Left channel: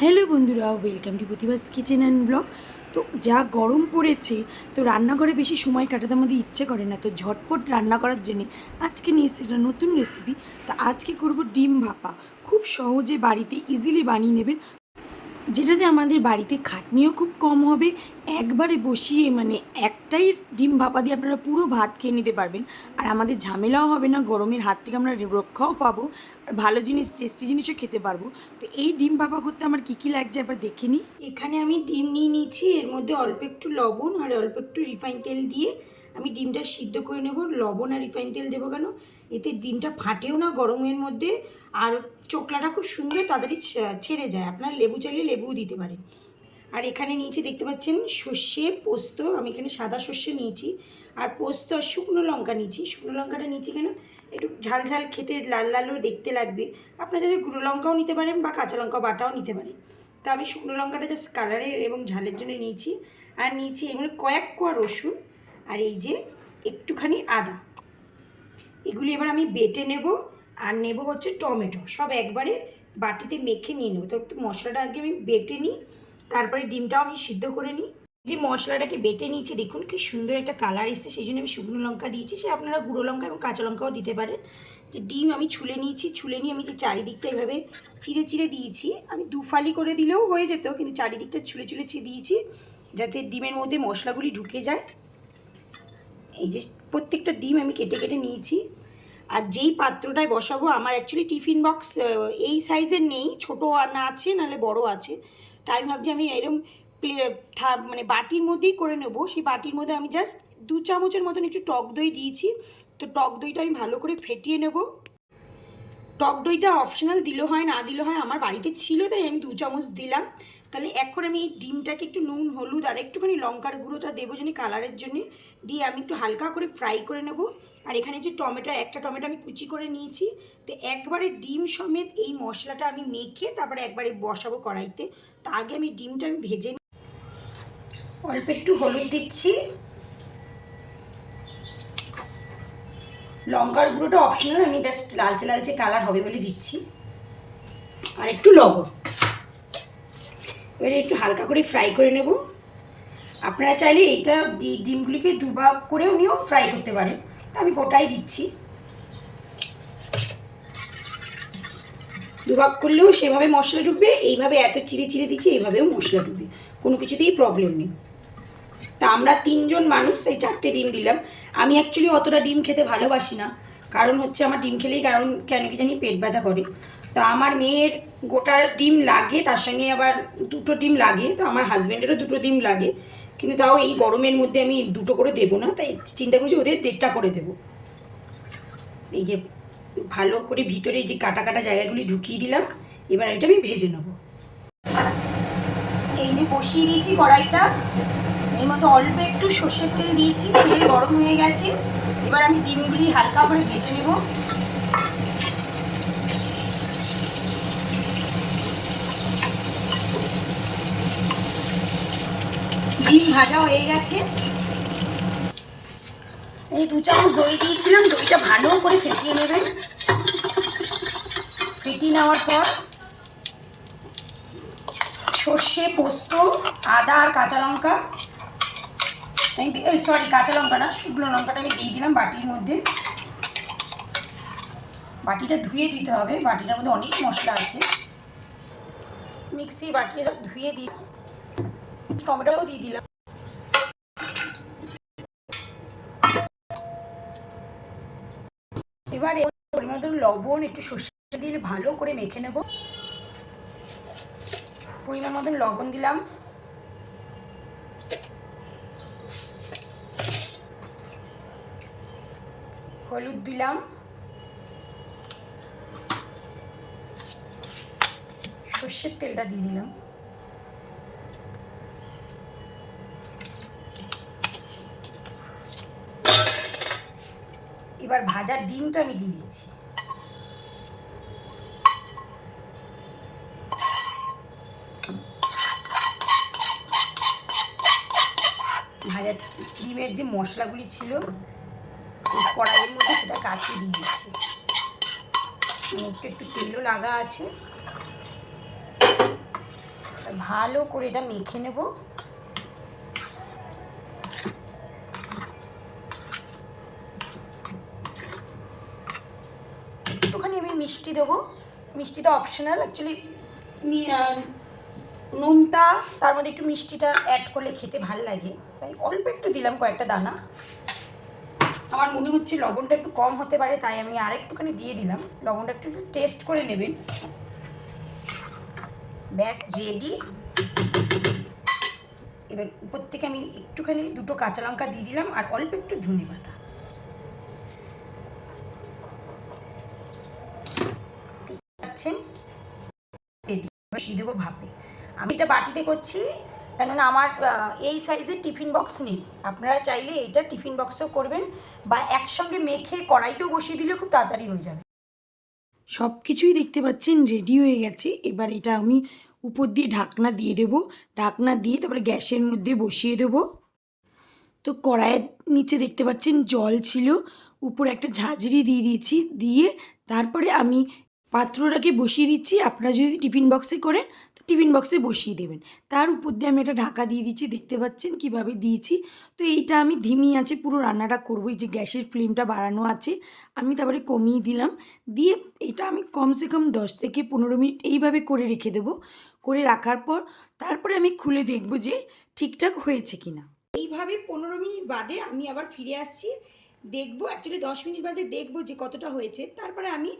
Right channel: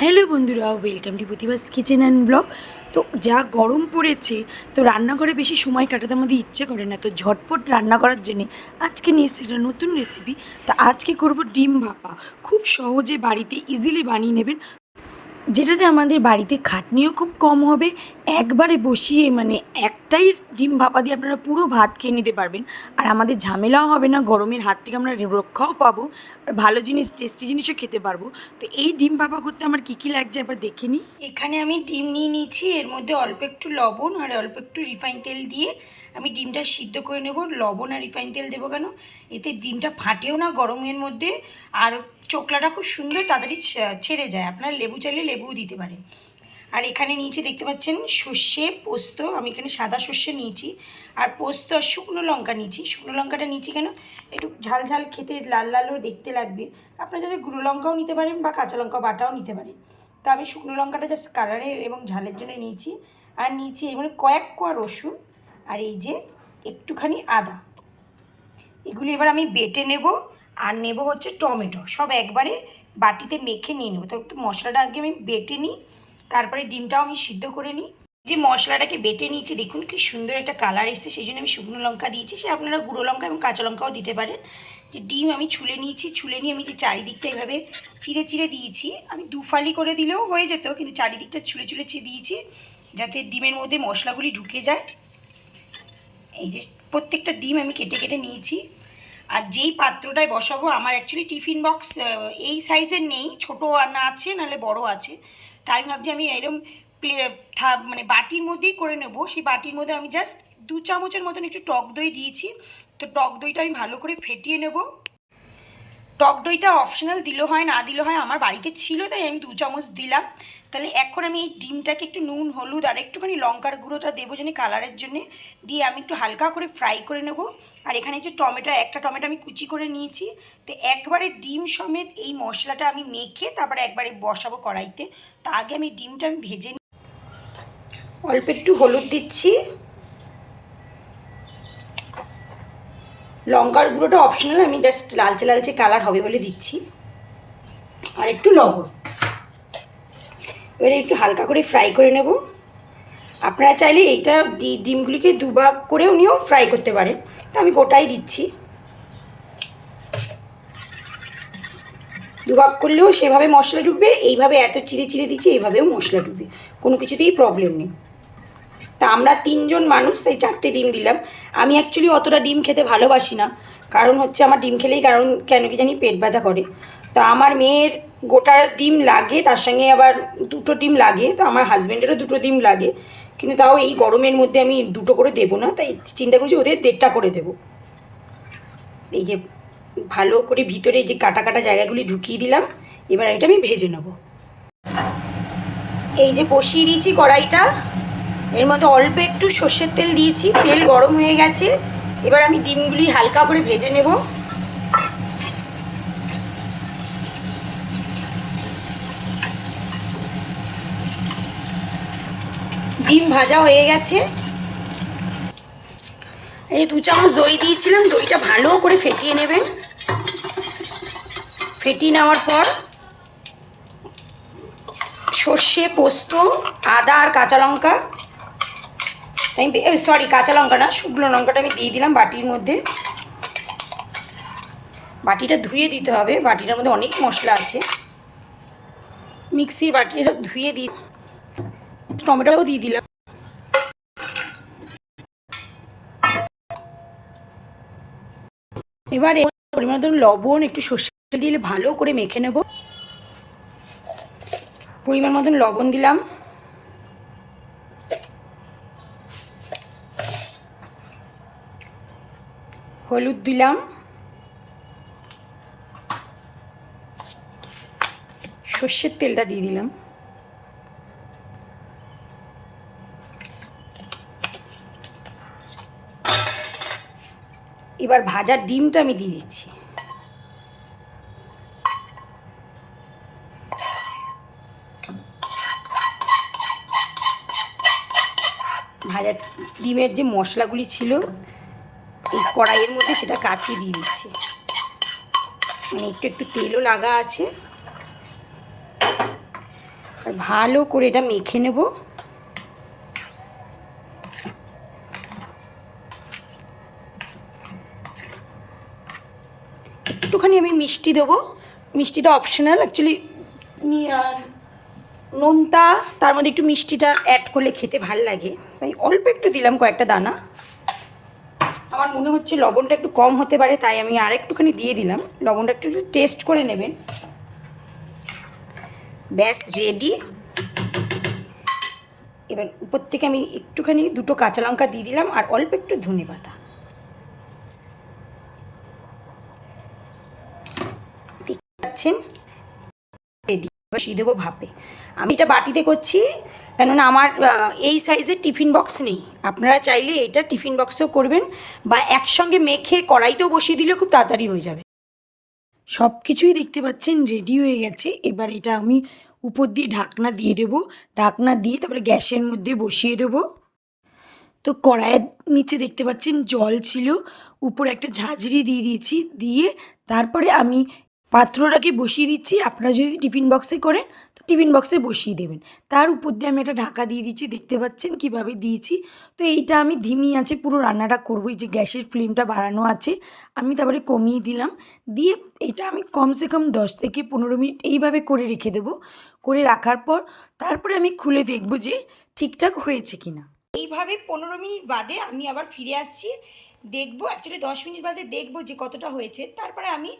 Hello বন্ধুরা welcome to Pratibha's kitchen and blog তো যা গরম পড়েছে, তো রান্নাঘরে বেশি সময় কাটাতে আমাদের ইচ্ছে করে না, তো ঝটপট রান্না করার জন্য আজকে নিয়ে একটা নতুন রেসিপি তা আজকে করব ডিম ভাপা। খুব সহজে বাড়িতে ইজিলি বানিয়ে নেবেন। যেটাতে আমাদের বাড়িতে খাটনিও খুব কম হবে। একবারে বসিয়ে মানে একটাই ডিম ভাপা দিয়ে আপনারা পুরো ভাত খেয়ে নিতে পারবেন। আর আমাদের ঝামেলাও হবে না, গরমের হাত থেকে আমরা রক্ষাও পাবো। আর ভালো জিনিস, টেস্টি জিনিসও খেতে পারব। তো এই ডিম ভাপা করতে আমার কী কী লাগছে একবার দেখে নিই। এখানে আমি ডিম নিয়ে নিয়েছি, এর মধ্যে অল্প একটু লবণ আর অল্প একটু রিফাইন তেল দিয়ে আমি ডিমটা সিদ্ধ করে নেব। লবণ আর রিফাইন তেল দেবো কেন? এতে ডিমটা ফাটেও না গরমের মধ্যে। আর চোকলাটা খুব সুন্দর তাড়াতাড়ি ছেড়ে যায়। আপনার লেবু চাইলে লেবুও দিতে পারেন। আর এখানে নিচে দেখতে পাচ্ছেন সর্ষে, পোস্ত, আমি এখানে সাদা সর্ষে নিয়েছি। আর পোস্ত আর শুকনো লঙ্কা নিয়েছি। শুকনো লঙ্কাটা নিয়েছি কেন? একটু ঝাল ঝাল খেতে লাল লালও দেখতে লাগবে। আপনারা যদি গুঁড়ো লঙ্কাও নিতে পারেন বা কাঁচা লঙ্কা বাটাও নিতে পারেন। তো আমি শুকনো লঙ্কাটা জাস্ট কালারের এবং ঝালের জন্য নিয়েছি। আর নিয়েছি এগুলো কয়েক কোয়া রসুন আর এই যে একটুখানি আদা। এগুলি এবার আমি বেটে নেব। আর নেব হচ্ছে টমেটো। সব একবারে বাটিতে মেখে নিয়ে নেব। তো মশলাটা আগে আমি বেটে নিই, তারপরে ডিমটাও আমি সিদ্ধ করে নিই। যে মশলাটাকে বেটে নিয়েছি, দেখুন কি সুন্দর একটা কালার এসেছে, সেই জন্য আমি শুকনো লঙ্কা দিয়েছি। সে আপনারা গুঁড়ো লঙ্কা এবং কাঁচা লঙ্কাও দিতে পারেন। যে ডিম আমি ছুলে নিয়েছি, ছুলে নিয়ে আমি যে চারিদিকটা এভাবে চিড়ে চিড়ে দিয়েছি, আমি দুফালি করে দিলেও হয়ে যেত, কিন্তু চারিদিকটা ছুলে ছুলে দিয়েছি, যাতে ডিমের মধ্যে মশলাগুলি ঢুকে যায়। এই যে প্রত্যেকটা ডিম আমি কেটে কেটে নিয়েছি। আর যেই পাত্রটায় বসাবো, আমার অ্যাকচুয়ালি টিফিন বক্স এই সাইজের নেই, ছোটো না আছে, নাহলে বড় আছে। তাই আমি ভাবছি আমি এরকম মানে বাটির মধ্যেই করে নেব। সেই বাটির মধ্যে আমি জাস্ট দু চামচের মতন একটু টক দই দিয়েছি। তো টক দইটা আমি ভালো করে ফেটিয়ে নেব। টক দইটা অপশনাল দিলেও হয়, না দিলেও হয়, আমার বাড়িতে ছিল, তাই আমি দু চামচ দিলাম। তাহলে এখন আমি এই ডিমটাকে একটু নুন, হলুদ আর একটুখানি লঙ্কার গুঁড়োটা দেবো জানি কালারের জন্য। দিয়ে আমি একটু হালকা করে ফ্রাই করে নেব। আর এখানে যে টমেটো, একটা টমেটো আমি কুচি করে নিয়েছি। তো একবারে ডিম সমেত এই মশলাটা আমি মেখে তারপরে একবারে বসাবো কড়াইতে। তা আগে আমি ডিমটা আমি ভেজে নিই অল্প একটু হলুদ দিচ্ছি। লঙ্কার গুঁড়োটা অপশনাল আমি জাস্ট লালচে লালচে কালার হবে বলে দিচ্ছি। আর একটু লবণ। এবারে একটু হালকা করে ফ্রাই করে নেব। আপনারা চাইলে এইটা ডিমগুলিকে দুভাগ করেও নিয়েও ফ্রাই করতে পারেন। তো আমি গোটাই দিচ্ছি। দুভাগ করলেও সেভাবে মশলা ঢুকবে, এইভাবে এত চিড়ে চিড়ে দিচ্ছি, এইভাবেও মশলা ঢুকবে। কোনো কিছুতেই প্রবলেম নেই। তা আমরা তিনজন মানুষ তাই চারটে ডিম দিলাম। আমি অ্যাকচুয়ালি অতটা ডিম খেতে ভালোবাসি না। কারণ হচ্ছে আমার ডিম খেলেই কারণ কেন কি জানি পেট ব্যথা করে। তা আমার মেয়ের গোটা ডিম লাগে, তার সঙ্গে আবার দুটো ডিম লাগে, তো আমার হাজব্যান্ডেরও দুটো ডিম লাগে, কিন্তু তাও এই গরমের মধ্যে আমি দুটো করে দেবো না, তাই চিন্তা করছি ওদের দেড়টা করে দেবো। এই যে ভালো করে ভিতরে যে কাটা কাটা জায়গাগুলি ঢুকিয়ে দিলাম, এবার এটা আমি ভেজে নেব। এই যে বসিয়ে দিয়েছি কড়াইটা, এর মধ্যে অল্প একটু সর্ষের তেল দিয়েছি, তেল গরম হয়ে গেছে, এবার আমি ডিমগুলি হালকা করে ভেজে নেব। ডিম ভাজা হয়ে গেছে। এই দু চামচ দই দিয়েছিলাম, দইটা ভালো করে ফেটিয়ে নেবেন। ফেটিয়ে নেওয়ার পর সর্ষে, পোস্ত, আদা আর কাঁচা লঙ্কা। আমি সরি কাঁচা লঙ্কা না, শুকনো লঙ্কাটা আমি দিয়ে দিলাম বাটির মধ্যে। বাটিটা ধুয়ে দিতে হবে, বাটিটার মধ্যে অনেক মশলা আছে। মিক্সির বাটিটা ধুয়ে দিই টমেটোও দিয়ে দিলাম। এবারে পরিমাণ মতন লবণ, একটু সর্ষে দিলে ভালো করে মেখে নেব। পরিমাণ মতন লবণ দিলাম। হলুদ দিলাম। সর্ষের তেলটা দিয়ে দিলাম। এবার ভাজার ডিমটা আমি দিয়ে দিচ্ছি। ভাজা ডিমের যে মশলাগুলি ছিল কড়াইয়ের মধ্যে সেটা কাচিয়ে দিয়ে দিচ্ছি। মানে একটু একটু তেলও লাগা আছে। ভালো করে এটা মেখে নেব। একটুখানি আমি মিষ্টি দেবো। মিষ্টিটা অপশনাল অ্যাকচুয়ালি নোনতা তার মধ্যে একটু মিষ্টিটা অ্যাড করলে খেতে ভালো লাগে। তাই অল্প একটু দিলাম কয়েকটা দানা। আমার মনে হচ্ছে লবণটা একটু কম হতে পারে, তাই আমি আর একটুখানি দিয়ে দিলাম। লবণটা একটু টেস্ট করে নেবেন। ব্যাস রেডি এবার উপর থেকে আমি একটুখানি দুটো কাঁচা লঙ্কা দিয়ে দিলাম, আর অল্প একটু ধনে পাতা পাচ্ছেন রেডি। বসিয়ে দেবো ভাপে আমি এটা বাটিতে করছি, কেননা আমার এই সাইজের টিফিন বক্স নেই। আপনারা চাইলে এটা টিফিন বক্সেও করবেন, বা একসঙ্গে মেখে কড়াইতেও বসিয়ে দিলে খুব তাড়াতাড়ি হয়ে যাবে। সব কিছুই দেখতে পাচ্ছেন, রেডি হয়ে গেছে। এবার এটা আমি উপর দিয়ে ঢাকনা দিয়ে দেবো। ঢাকনা দিয়ে তারপরে গ্যাসের মধ্যে বসিয়ে দেবো। তো কড়াইয়ের নিচে দেখতে পাচ্ছেন জল ছিল। উপরে একটা ঝাঁঝরি দিয়ে দিয়েছি। দিয়ে তারপরে আমি পাত্রটাকে বসিয়ে দিচ্ছি? আপনারা যদি টিফিন বক্সে করেন, তো টিফিন বক্সে বসিয়ে দেবেন। তার উপর দিয়ে আমি একটা ঢাকা দিয়ে দিচ্ছি, দেখতে পাচ্ছেন কীভাবে দিয়েছি। তো এইটা আমি ধিমি আছে, পুরো রান্নাটা করব যে গ্যাসের ফ্লেমটা বাড়ানো আছে। আমি তারপরে কমিয়ে দিলাম। দিয়ে এটা আমি কমসে কম দশ থেকে পনেরো মিনিট এইভাবে করে রেখে দেবো। করে রাখার পর তারপরে আমি খুলে দেখব যে ঠিকঠাক হয়েছে কিনা। এইভাবে পনেরো মিনিট বাদে আমি আবার ফিরে আসছি। দেখব অ্যাকচুয়ালি দশ মিনিট বাদে দেখব যে কতটা হয়েছে। তারপরে আমি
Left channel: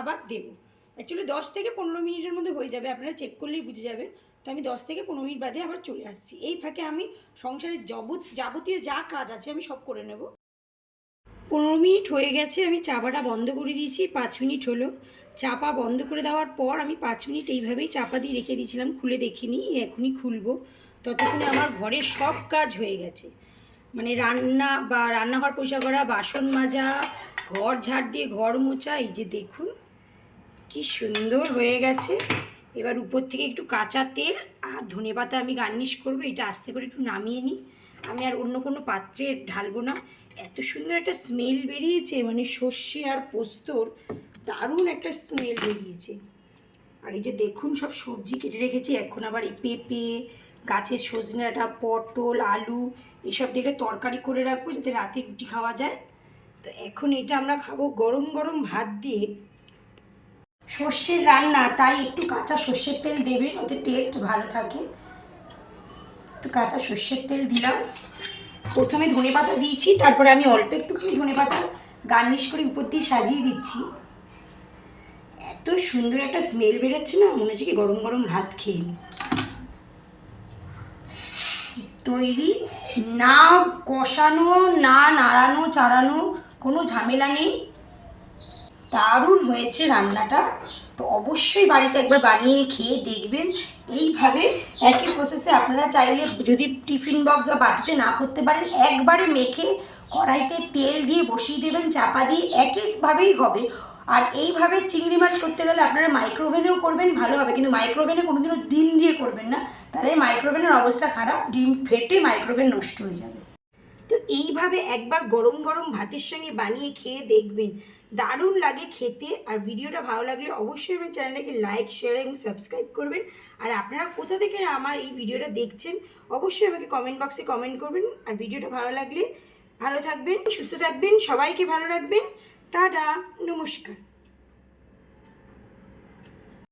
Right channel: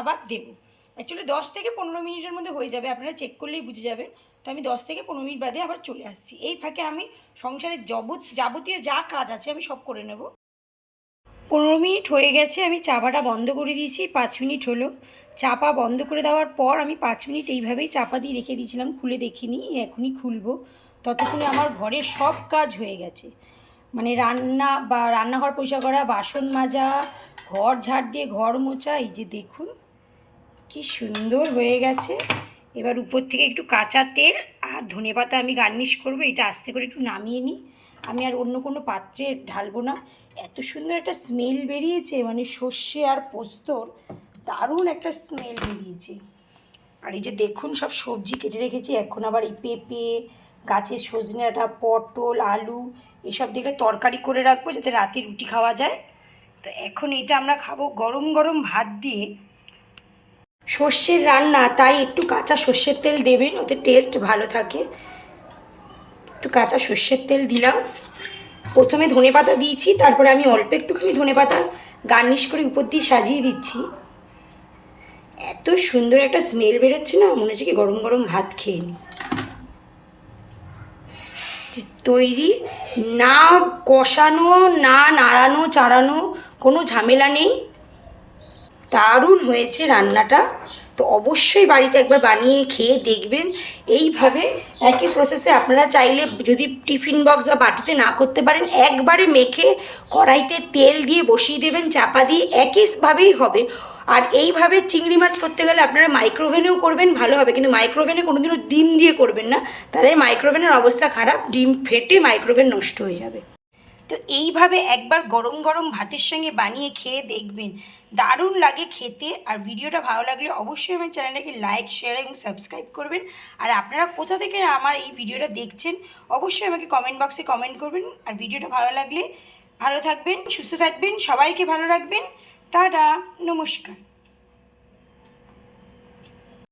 আবার দেবো। অ্যাকচুয়ালি দশ থেকে পনেরো মিনিটের মধ্যে হয়ে যাবে, আপনারা চেক করলেই বুঝে যাবেন। তো আমি দশ থেকে পনেরো মিনিট বাদে আবার চলে আসছি। এই ফাঁকে আমি সংসারের যাবত যাবতীয় যা কাজ আছে আমি সব করে নেব। পনেরো মিনিট হয়ে গেছে, আমি চাপাটা বন্ধ করে দিয়েছি, পাঁচ মিনিট হলো। চাপা বন্ধ করে দেওয়ার পর আমি পাঁচ মিনিট এইভাবেই চাপা দিয়ে রেখে দিয়েছিলাম, খুলে দেখিনি, এখনই খুলবো। ততক্ষণে আমার ঘরের সব কাজ হয়ে গেছে। মানে রান্না বা রান্নাঘর পরিষ্কার করা, বাসন মাজা, ঘর ঝাড় দিয়ে ঘর মোছা, এই যে দেখুন। কি সুন্দর হয়ে গেছে। এবার উপর থেকে একটু কাঁচা তেল আর ধনেপাতা আমি গার্নিশ করব, এটা আস্তে করে একটু নামিয়ে নিই। আমি আর অন্য কোনো পাত্রে ঢালবো না। এত সুন্দর একটা স্মেল বেরিয়েছে মানে সর্ষে আর পোস্তর দারুণ একটা স্মেল বেরিয়েছে। আর এই যে দেখুন, সব সবজি কেটে রেখেছি, এখন আবার এই পেঁপে, গাছের সজনে পটল, আলু, এসব দিয়ে তরকারি করে রাখব যাতে রাতে রুটি খাওয়া যায়। তো এখন এটা আমরা খাব গরম গরম ভাত দিয়ে। সর্ষের রান্না, তাই একটু কাঁচা সর্ষের তেল দেবেন, ওতে টেস্ট ভালো থাকে। একটু কাঁচা সর্ষের তেল দিলাম। প্রথমে ধনে পাতা দিয়েছি, তারপরে আমি অল্প একটুখানি ধনে পাতা গার্নিশ করে উপর দিয়ে সাজিয়ে দিচ্ছি। এত সুন্দর একটা স্মেল বেরোচ্ছে না, মনে হচ্ছে কি গরম গরম ভাত খেয়ে নিই। তৈরি, না কষানো, না নাড়ানো, চাড়ানো কোনো ঝামেলা নেই। দারুণ হয়েছে রান্নাটা। তো অবশ্যই বাড়িতে একবার বানিয়ে খেয়ে দেখবেন। এইভাবে একই প্রসেসে আপনারা চাইলে যদি টিফিন বক্স বা বাটিতে না করতে পারেন, একবারে মেখে কড়াইতে তেল দিয়ে বসিয়ে দেবেন, চাপা দিয়ে একইভাবেই হবে। আর এইভাবে চিংড়ি মাছ করতে গেলে আপনারা মাইক্রোওভেনেও করবেন, ভালো হবে। কিন্তু মাইক্রোওভেনে কোনোদিনও ডিম দিয়ে করবেন না। তাহলে মাইক্রোওভেনের অবস্থা খারাপ, ডিম ফেটে মাইক্রোওভেন নষ্ট হয়ে যাবে। তো এইভাবে একবার গরম গরম ভাতের সঙ্গে বানিয়ে খেয়ে দেখবেন। দারুণ লাগে খেতে। আর ভিডিওটা ভালো লাগলে অবশ্যই আমার চ্যানেলটাকে লাইক শেয়ার এবং সাবস্ক্রাইব করবেন। আর আপনারা কোথা থেকে আমার এই ভিডিওটা দেখছেন, অবশ্যই আমাকে কমেন্ট বক্সে কমেন্ট করবেন। আর ভিডিওটা ভালো লাগলে ভালো থাকবেন, সুস্থ থাকবেন, সবাইকে ভালো রাখবেন। টাটা, নমস্কার।